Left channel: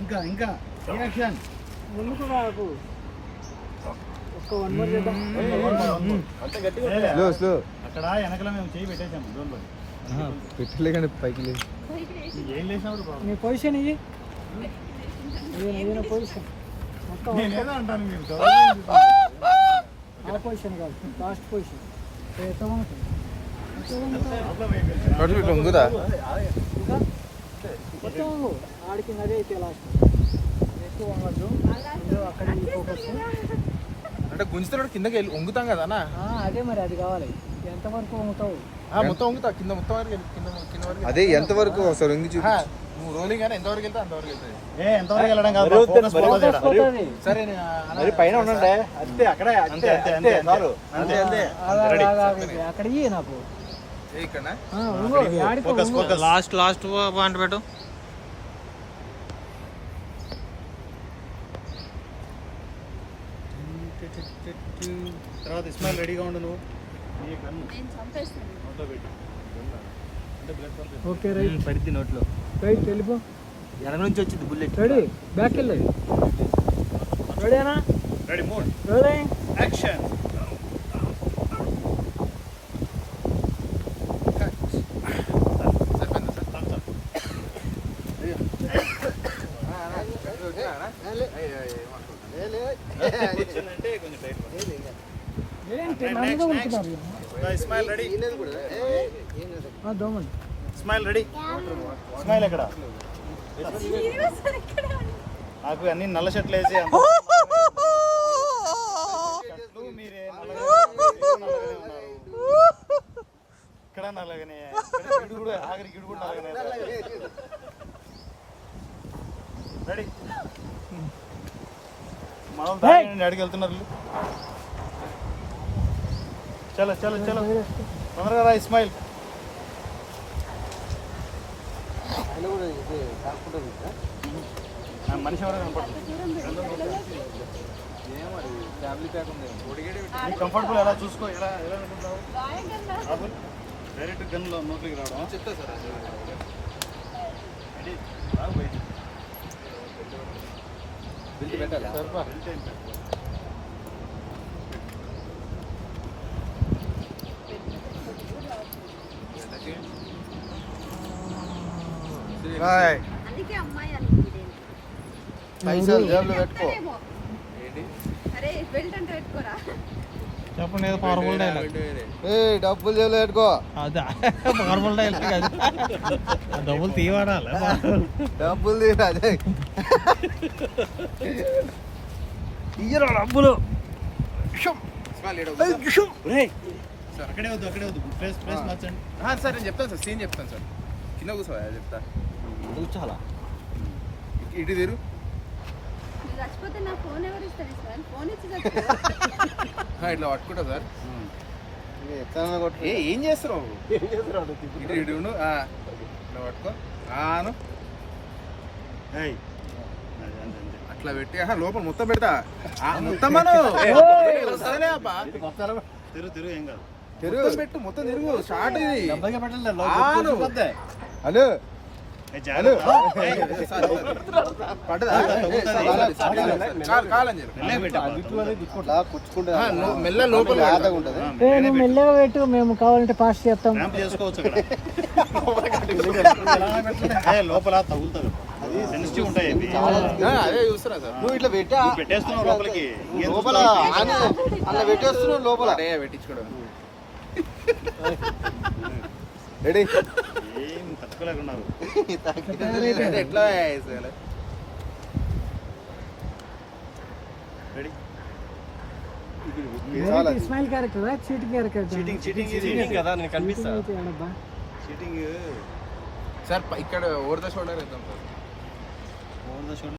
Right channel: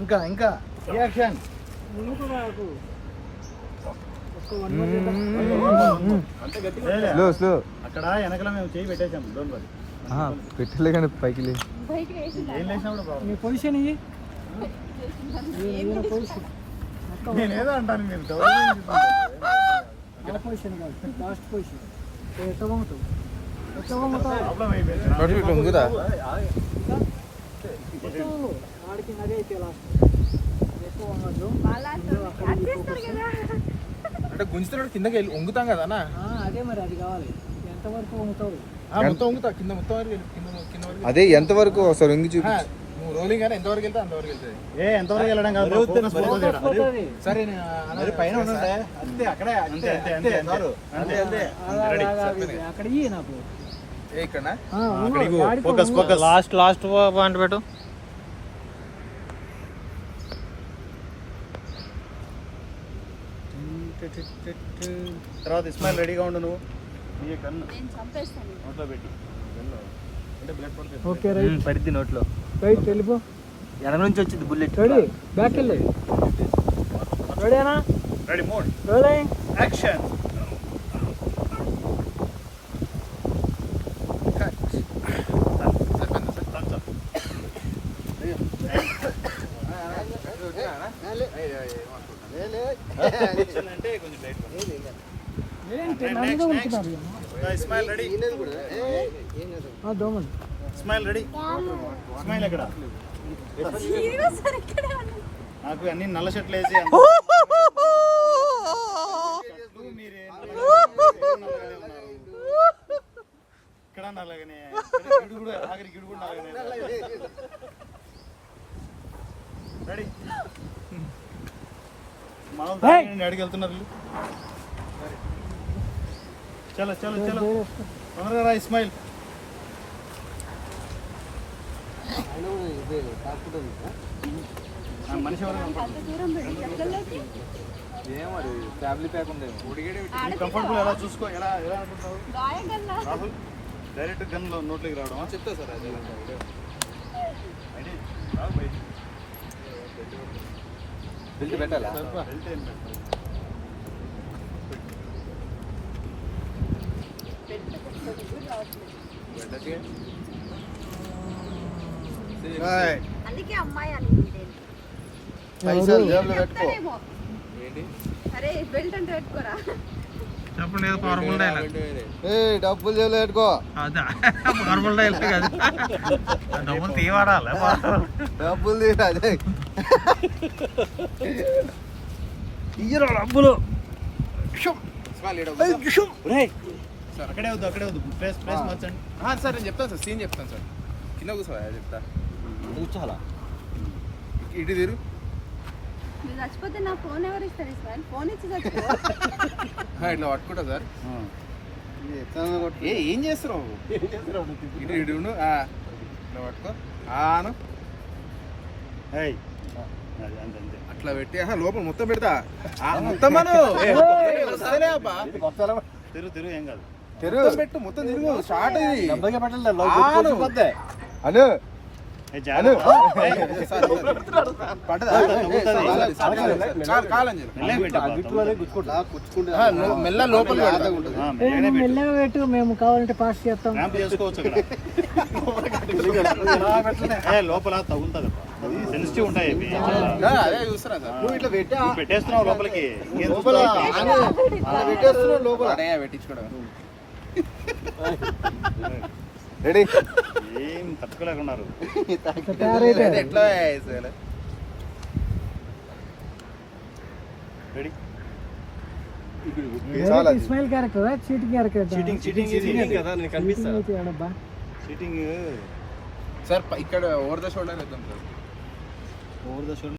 ఇంకా ఇంకా. రియాక్షన్ అక్కడ వెనకల మేము చేయి పెట్టేసాం డోంట్ వరీ పెట్టలే కానీ పైకి లేదు ఏం లేసినా కూడా problem. నీ పొజిషన్ నేను ఏదైనా పొజిషన్ అంటాను నేను ఆ పొజిషన్ కాదు. లాస్ట్ పొజిషన్ ఎట్లా పోతావు ఎట్లా పోతావు అటు గుంజుతున్నాడు కిందకి వెళ్ళి వంగుతాం కదా అన్న? ఆ, అదే మరి అది కావాలి. ఎంతవరకు పోతావు ఆ, మొత్తం వంగుతా కింద మొత్తం వరకు వెళ్ళి కింద కింద వరకు అదే ఎంతవరకు వస్తారు ఎందుకు నువ్వు రోలింగ్ కానీ ఎంతవరకు వెళ్తే అంతవరకు ఏ ఎంతవరకు వెళ్ళడం కాదు. సరే పైన ఉండండి. అంతే అక్కడే అంతే అంతే అంతే అంతే నాకు. ఏ ఇక్కడ లాస్ట్ లాస్ట్ పాయింట్ పెట్టు. తర్వాత ఇస్మాయిల్ రెడీగా ఉండు నువ్వు. Okay right. పడితే నోట్లో. రైట్ వెళ్ళిపో. ఎడ నుంచి వచ్చింది బుల్లెట్. రెడీ బ్యాక్ వెళ్ళి. రెడీనా రెడీ మూడ్. Ready action. కొంచెం టైట్ ఇస్మాయిల్ రెడీ ఎక్కడ? నాకు అన్ని నల్ల షర్ట్లు వేసి. ఇక్కడ నల్లగానే. కూడా నల్లగానే. మనం అడిగి వెళ్తున్నారు వీళ్ళు. చలో చలో చలో. తొందరగా రా ఇస్మాయిల్. మనిషి ఎవరో కనపడుతుంది. నీ కంఫర్టబుల్ ఎలా చూసుకో ఎలా ఎలా అనుకుంటున్నావు? రాహుల్ డైరెక్ట్ గన్లో నోట్లోకి రావడం. చెప్తా సార్ అది రావు బయటికి. పైసలు జేబులో పెట్టుకో. చెప్తారేమో. అరే బెల్ట్ అంటే పెట్టుకోరా? చెప్పండి ఏదో పవర్ఫుల్ డైలాగ్ ఏ డబ్బులు జేబులో పెట్టుకో అదే పవర్ఫుల్ డైలాగ్ అది డబ్బులు తీవాడాలి డబ్బులు ఇయ్యరా డబ్బులు. అక్కడే వద్దు అక్కడే వద్దు. ప్లేస్ ప్లేస్ మార్చండి. సార్ నేను చెప్తాను సార్ సీన్ చెప్తాను సార్. కింద కూర్చోవా చెప్తా. కూర్చోాలా ఇటు తీరు. ఇట్లా పట్టుకుంటా సార్. ఏ ఏం చేస్తున్నావు? ఇటు ఇటు ఉండు. ఆ, ఇట్లా పట్టుకో. ఆను ఏయ్. అది అంతే అంతే. అట్లా పెట్టి లోపల మొత్తం పెడతా. ఆ, మొత్తం మను. తిరుగు తిరుగు ఏం కాదు. మొత్తం పెట్టు మొత్తం తిరుగు. షార్ట్ ఇది. ఆను. మెల్ల లోపల. మెల్లగా పెట్టు. మేము కావాలంటే పాస్ చేస్తాం. లోపల తగులుతుంది సెన్సిటివ్ ఉంటాయి ఇవి ఆ, అదే చూస్తున్నా సార్. నువ్వు ఇట్లా పెట్టా? నువ్వు పెట్టేస్తున్నావు లోపలికి. లోపల అలా పెట్టేస్తున్నావు లోపల. పెట్టించుకోవడం. రెడీ ఏం తట్టుకోలేకున్నారు ఎట్లా? Direct Ismail character cheating character cheating cheating cheating కదా నేను కనిపిస్తా. చీటింగ్ సార్ ప- ఇక్కడ ఓవర్ ద షోల్డర్ వేద్దాం సార్ ఓవర్ ద షోల్డర్